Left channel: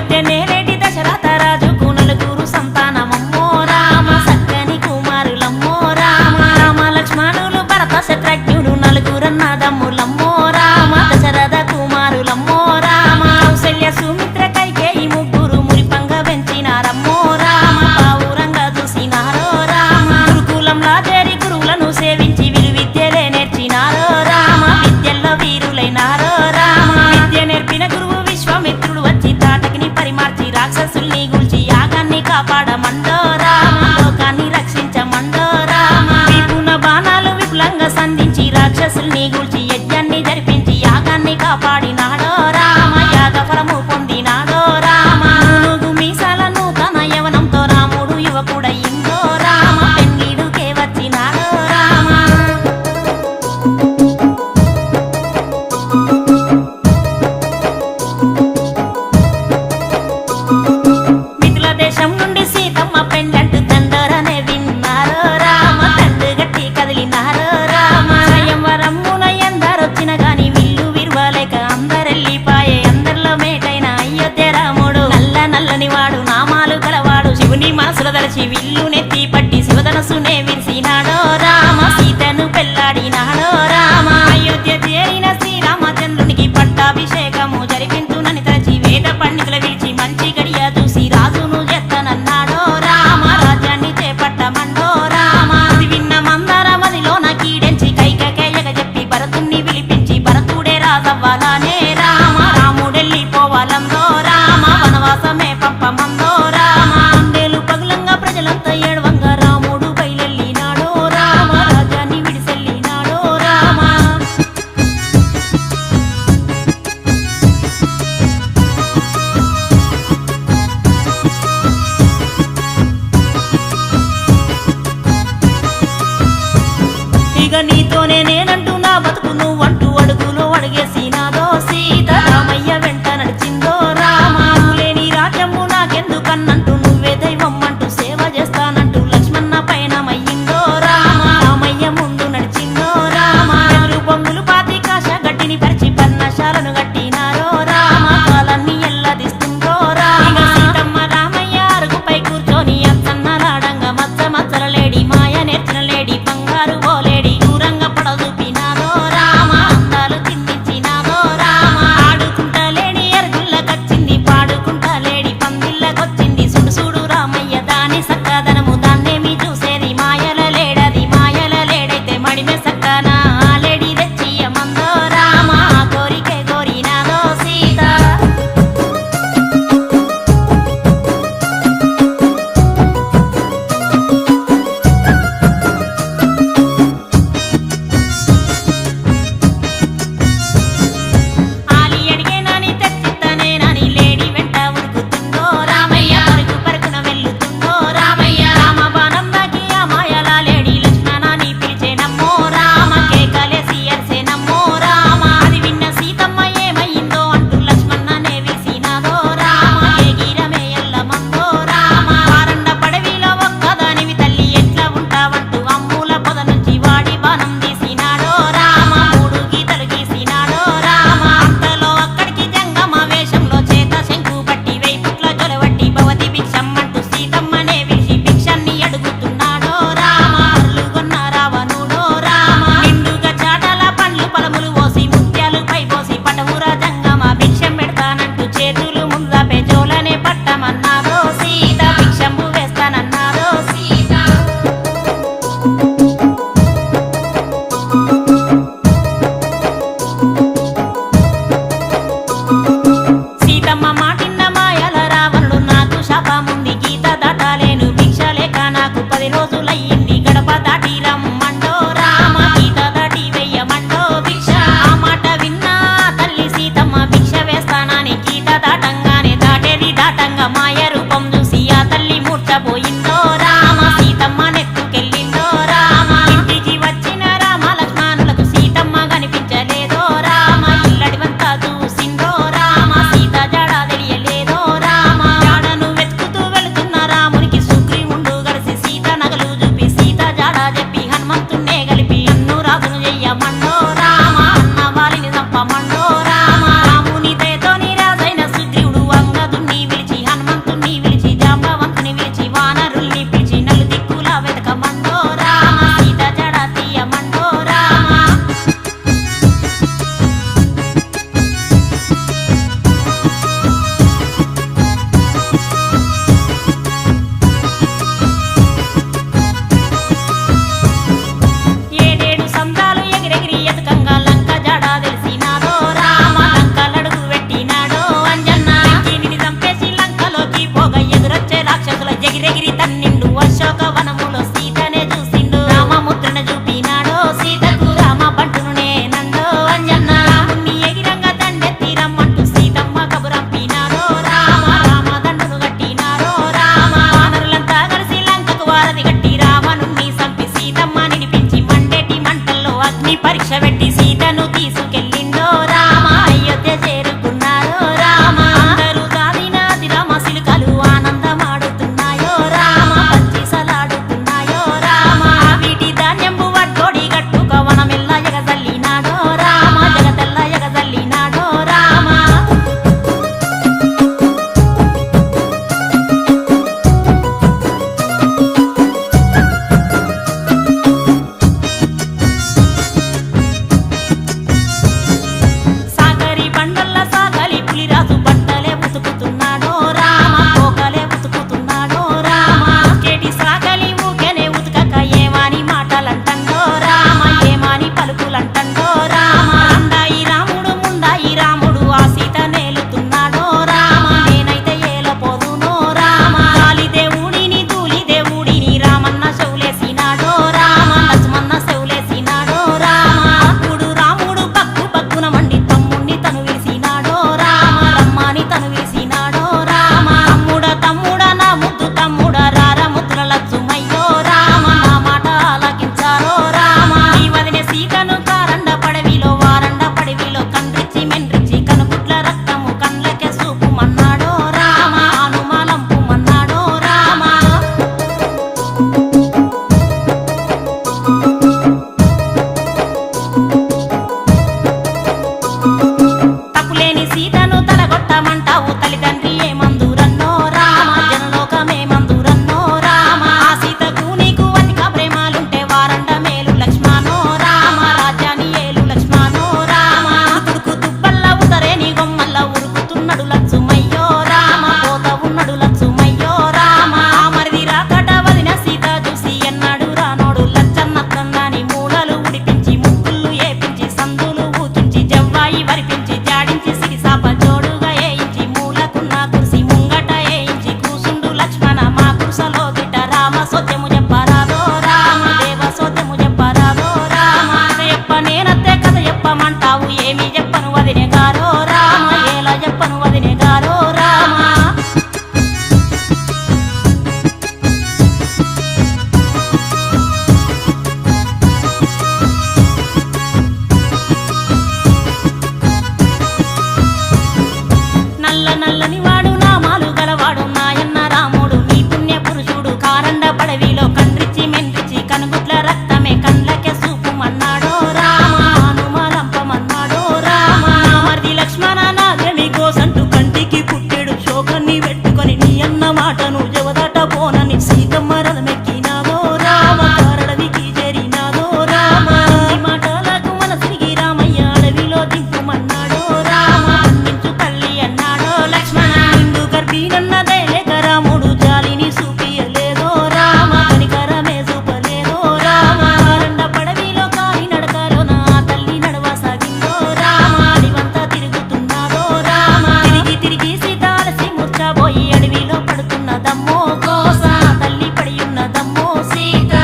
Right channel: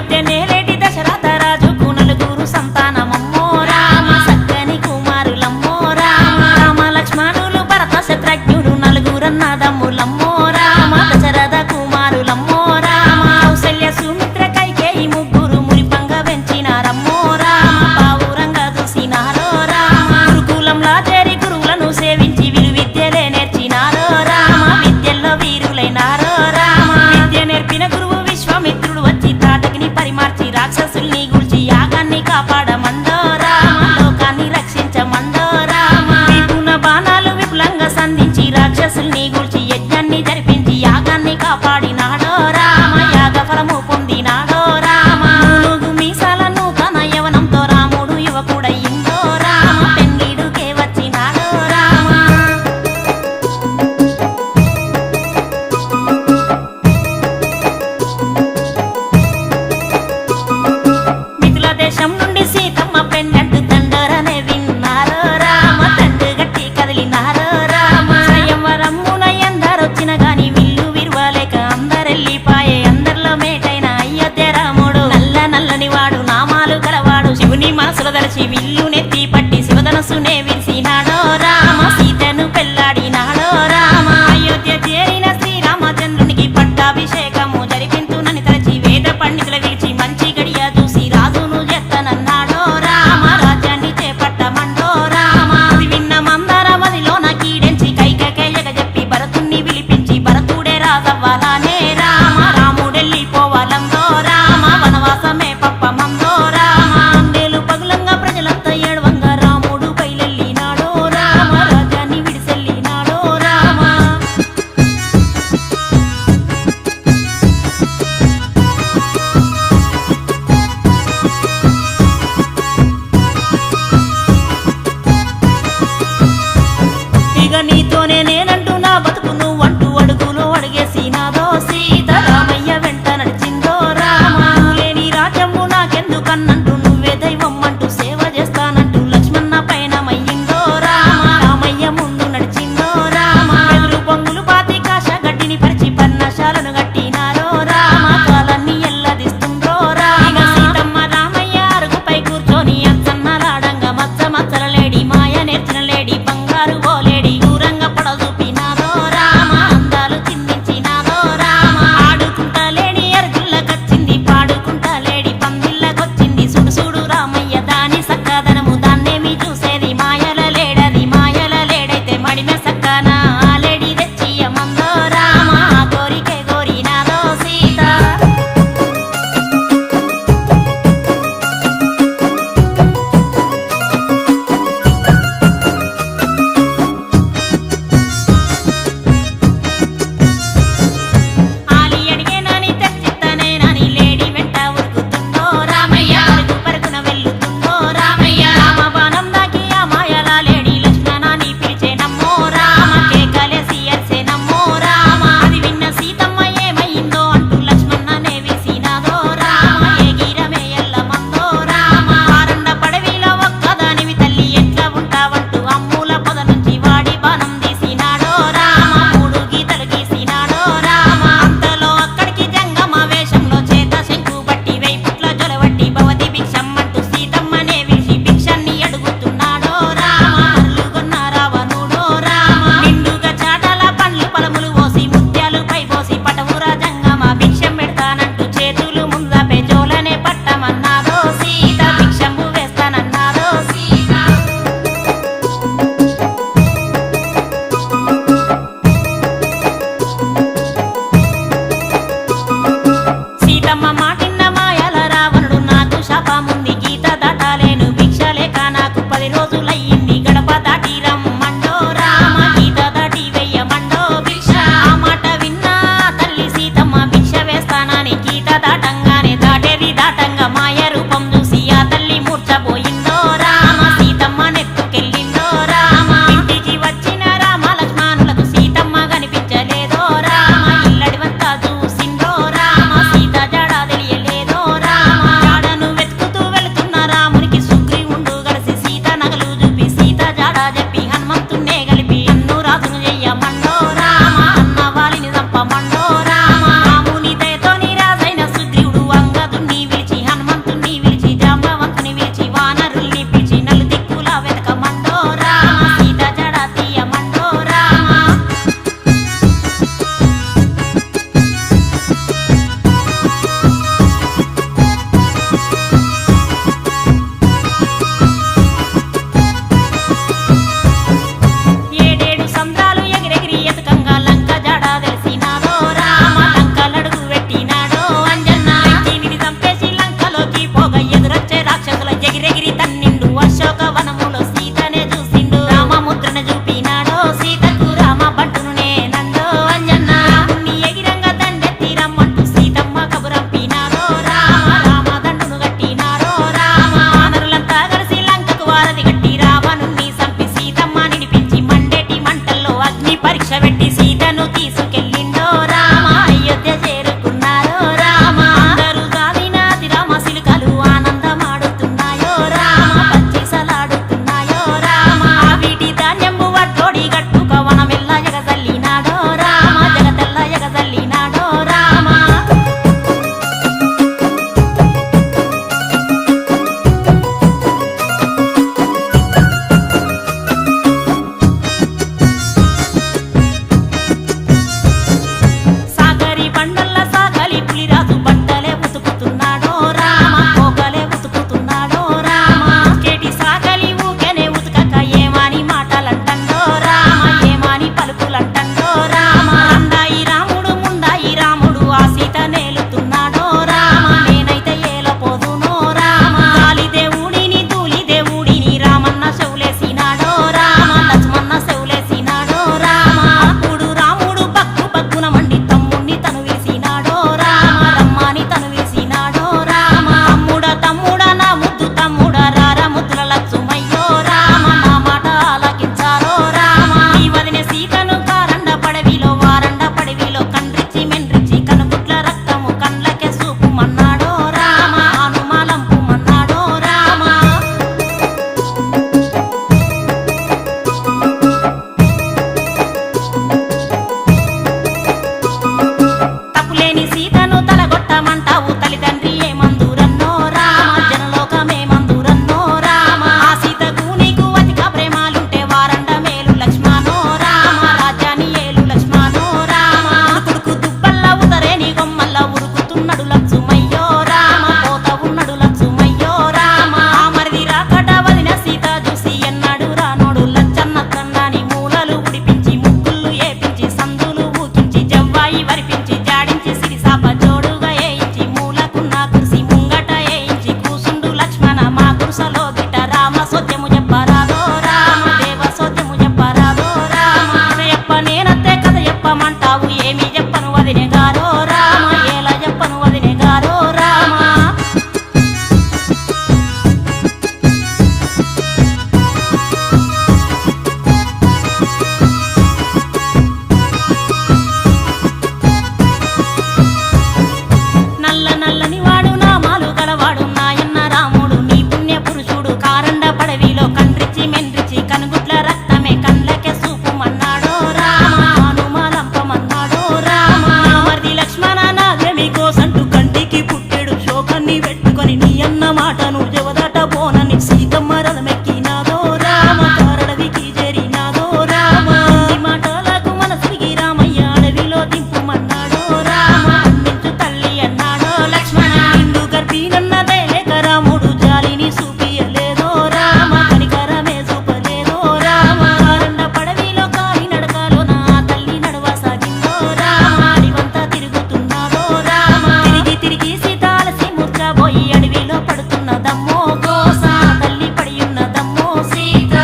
అయోధ్య నేలేటి దశరథ రాజుకు నలుగురు సంతానమమ్మో రామ సక్కని కుమారులమ్మో రామ. రామ లక్ష్మణులు భరత శత్రుఘ్నుడు నలుగురన్నదమ్ములమ్మో రామ. దశరథ కుమారులమ్మో రామ. కౌశల్య సుమిత్ర కైకేయి ముగ్గురు మురిపంగా వెంచినారమ్మో రామ. పావురంగా చూసినారో రామ. గురుకులంలా చేరి గురువులను సేవించి వీరు విద్యలే నేర్చినారో రామ. విద్యల్లో వీరులైనారో రామ. విద్య నేర్పిన గురువు విశ్వామిత్రుడు వచ్చి తాటకిని పరిమార్చి రాక్షసుల్ని గూల్చి యాగాన్ని కాపాడమండో రామ. లోకాన్ని రక్షించమండో రామ. విపున బాణాలు విపులంగా సంధించి రాక్షసుల్ని గూల్చి యజ్ఞాన్ని జరిపించి యాగాన్ని కాపాడినాడో రామ. యాగ ఫలము పొందినాడో రామ. మీసాలను తన యవనంతో రాముడు యువకుడయ్యిందో రామ. పెంగిడుకే వచ్చినాడో రామ. మిథుల దేశం నుండి సీతమ్మ పెండ్లంటు కదిలినారో రామ స్వయంవరమ్మున ఎందరొచ్చిన గాని విల్లు విరువలేక అందరెళ్ళిపాయే అందరిలో మేటైన అయోధ్య రాముడు నల్ల నల్లని వాడు నామాలు కలవాడు శివుని మనసులో దలచి విల్లు నెత్తి పట్టి శివధనసునే విరిసినాడో రామ. సీతను పెళ్ళాడినాడో రామ. అయోధ్య చేరిన శ్రీరామచంద్రునికి పట్టాభిషేకము జరిపించునని తలచి వేద పండితుల విలిచి మంచి గడియ చూసి రాజును చేత్తనన్నాడో రామ. రాజ్యాన్ని చేపట్టమండో రామ. విన్న మందార మదిలో కీడెంచి కైకకేయగ చెప్పి భరతుణ్ణి విలిపి రాజవ్వాలనే రామ రాముడెళ్ళిపోవాలందో రామ వనవాసమే పంపమందో రామ. అండేలు పగులంగా ప్రజలంతా ఏడవంగా రాము. ఇక నీతోనే నేనంటూ నా బతుకు నువ్వంటూ అడుగులో అడిగేసి నాదో సీత రామయ్య వెంట నడిచిందో రామా. లేని రాజ్యము నాకెందుకన్నంటూ నువ్వే దైవం అంటూ సేవ చేస్తానంటూ లక్ష్మణ పైన మయ్యిందో రామ. రామయ్య ముందు నడిచిందో రామా. ఎదురు బొంగులు పాతి కాశ గడ్డిని పరిచి పర్ణశాలను గట్టినారో రామ. కాలాన్ని ఎల్లదిస్తుందో రామ. సీతమ్మ రామయ్య అరుగుపై కూర్చొని అచ్చన్నలాడంగా మచ్చ మచ్చల లేడి మాయ నేర్చిన లేడి బంగారు ఓ లేడి దూరంగా పడజూపినాదో రామ అందాలు చిందించినాదో రామ. ఆడుకుంటా లేడి ఎరుగుల్లకొచ్చింది పాడుకుంటా లేడి పందిళ్ళకొచ్చింది. సుడు సుడు రామయ్య దాని సక్కదనము దాన్నేమి చూసేది మాయల లేడది మాయల లేడైతే మడిమె సక్కనా. ఏగిరమే రామ. వారండ పడవిలో ఒక్కదానివి తల్లి ఎట్లా ఉంటావంటూ అమ్ముల పొద నుంచి వాడి బాణం తీసినాడో రామ. మూడు గీతలు గీసినాడో రామ. అంతలో అక్కడికి జంగమ వేషంలో చేత శంకు బట్టి వైపుట్ల జొలవట్టి భవతి భిక్షం అంటూ సీతమ్మనే విడిచి భిక్షాన్ని అడుగుతున్నాడో రామ. మరులుగొన్న రావణుడో రామ. నిండుగా చాటల పండ్లు పలములు పోసి ముత్యాలు పై పోసి పటవురా జంగమ భిక్షం పెడతానంటూ చేతులు ముందాపే జోలనే పట్టమన్నాదో? సీత భిక్షంబు వేస్తానన్నాదో? సీతమ్మ మాటిన్న మాయల రావణుడు నాకు శాపముంది. గీత దాటాలేను భిక్ష లేక నాకు పది రోజులయ్యింది. గడప దాటి రమ్మండో రామ గీత దాటి వెయ్యమండో భిక్ష. ఆ మాట విన్నా తల్లి సీతమ్మ భిక్ష వేస్తానని గీత దాటంగానే దాటే దాటంగా మాయ రూపం చూసి ఆ తల్లి మూర్చపోయిందో రామ. సీతమ్మ నెత్తుకెళ్ళిందో రామ. ఇంటికి వచ్చిన రామ లక్ష్మణులకు సీతమ్మ కనిపించలేదో రామ. ఇల్లడివంతా చూసిందో రామ. సీత జాడ తెలియలేదో రామ. జాడను వెతుకుతూ వెళుతున్న రామునికి సుగ్రీవుండు కలిసి సీత నగలు చూపి సీత జాడ చెప్పి హనుమంతున్నే కలిపి అన్ను రాజును చెయ్యమండో రామ. అన్న వాలిని చంపమండో మండో రామ సీత జడ తీయ మండో రామ. ఏడేడు సంద్రాలు ఎగిరెగిరి ఎతుకంగా లంక జడ తెలిసినాదో రామ. లంకలడుగు పెట్టినాడో ఎదురొచ్చే రాక్షసుల ఎగిరెగిరి తన్నిండు. అశోక వనములో సీతనే చూసిండు. రామ ముద్రన చూపినాడో సీతకు రామ బంటును నందో అంజన్న. రాముణ్ణి ఎగిరంగా దండెత్తి రమ్మంటూ సీతమ్మ కబురంపినారో రామ రామ దండును కట్టినారో రామ వానరులంతా కలిసి లంకకు వారధి గట్టి రావణుణ్ణి సంపి సీతమ్మ నిడిపించి మండేటి మంటల్లో అగ్ని పరీక్ష పెట్టి సీతను తీసుకెళ్ళిండో. రామ అయోధ్య చేరుకున్నారో. రామ అందరూ గాలినాది రామ సిలుకలు వీటి ధాన్యంబు వడ్డోడి గట్టుక వనమెల్ల ఎగజల్లినాడో రామ. జగతెల్ల ఎగజల్లినాడో రామ. సాకరి పండల్ల సాకలి పులిరాజు బట్టలే ఉతుకుతున్నాడో రామ. కోకలే ఉతుకుతున్నాడో రామ. కేటి సాకలి ఊకెనే మాటలంటండో రామ ఏమాని పలుకులంటండో రామ. అందాయి రాముడు ముందాయి రాముడు ఆ సీత నేలుతున్నాడో రామ. నేనైతే ఏలపోదునో రామ. గాలి దేవుడిని తూలి దేవుడిని రామన్న చెవులేసినాడో రామ. లక్ష్మన్న చెవులేసినాడో రామ. అప్పుడు రాముడు బగ్గు బగ్గున మండి తమ్ముణ్ణి తను వేసినాడో రామ. రమ్మని తను వేసినాడో రామ. తమ్ముడ తమ్ముడ నా ముద్దు తమ్ముడ రారా ముద్దుల లక్ష్మయ్య సీతను కారండ పడవిలో వారండ పడవిలో కండ్రిచ్చి మెండ్రిచ్చి కనుగుడ్ల రక్తము కండ్లకే సూపు మన్నాడో రామ అనుమాలంపు మన్నాడో రామ. తప్పులేని సీతను తలగొట్టమంటావు తల్లిదండ్రి ఏమందురన్నో ఉరుకుతున్నాడు లచ్చుమయ్యో రామ పోత ఉన్నాడు లచ్చుమయ్యో రామ. మరిది రాకట వదిన సీత చూసి ఎన్నాడు రానోడు లచ్చన్న తండాని మూలలు ఉడిపించి ముగ్గులు ఏపించి సందులు ఊకించి జవ్వాయి వరిపించి జాడించి సిరిసాప జోడుగా ఏయించి మూలకున్న కురిసి ముంగట ఏయించి కూసుండు లక్ష్మణ మా కురుసలో గిట రామ సోద్యము చెప్పమంటావు ఏమి చెప్పను వదినే గారో రామ? ఎలా చెప్పను వదినే గారో రామ? నల్ల నల్లని వాడు నామాలు గలవాడు నాయన్న రాముడు. నీ పుణ్య పురుషుడు కారండ పడవిలో కండ్రిచి మెండ్రిచి కనుగుడ్ల రక్తమే కండ్లకే సూపు మన్నాడో రామ. మరిది లక్ష్మణ నాదేమి కోసంటూ కంటికి పుట్టెడు. శోకాన్ని పెట్టుకొని నీ అన్న మాటను జవదాట పోనని సీతమ్మ రథమెక్కినాదో రామ కారడవికి చేరినాదో రామ. ఈ మాటలకు మనసిరిగి రామయ్య అడవిలో దింపుమన్నాడో రామ. అందించు తల్లి అన్నాడో లక్ష్మణ. నిండు గర్భినన్నదే లేక రాముడు జాలిని చూపియలేదో రామ. కనికర తిరిగి సీతాలసి మూర్చబోయి అడవిలో పడుతున్నదమ్మో కోస తల్లి పడి ఉన్నదమ్మో సీత.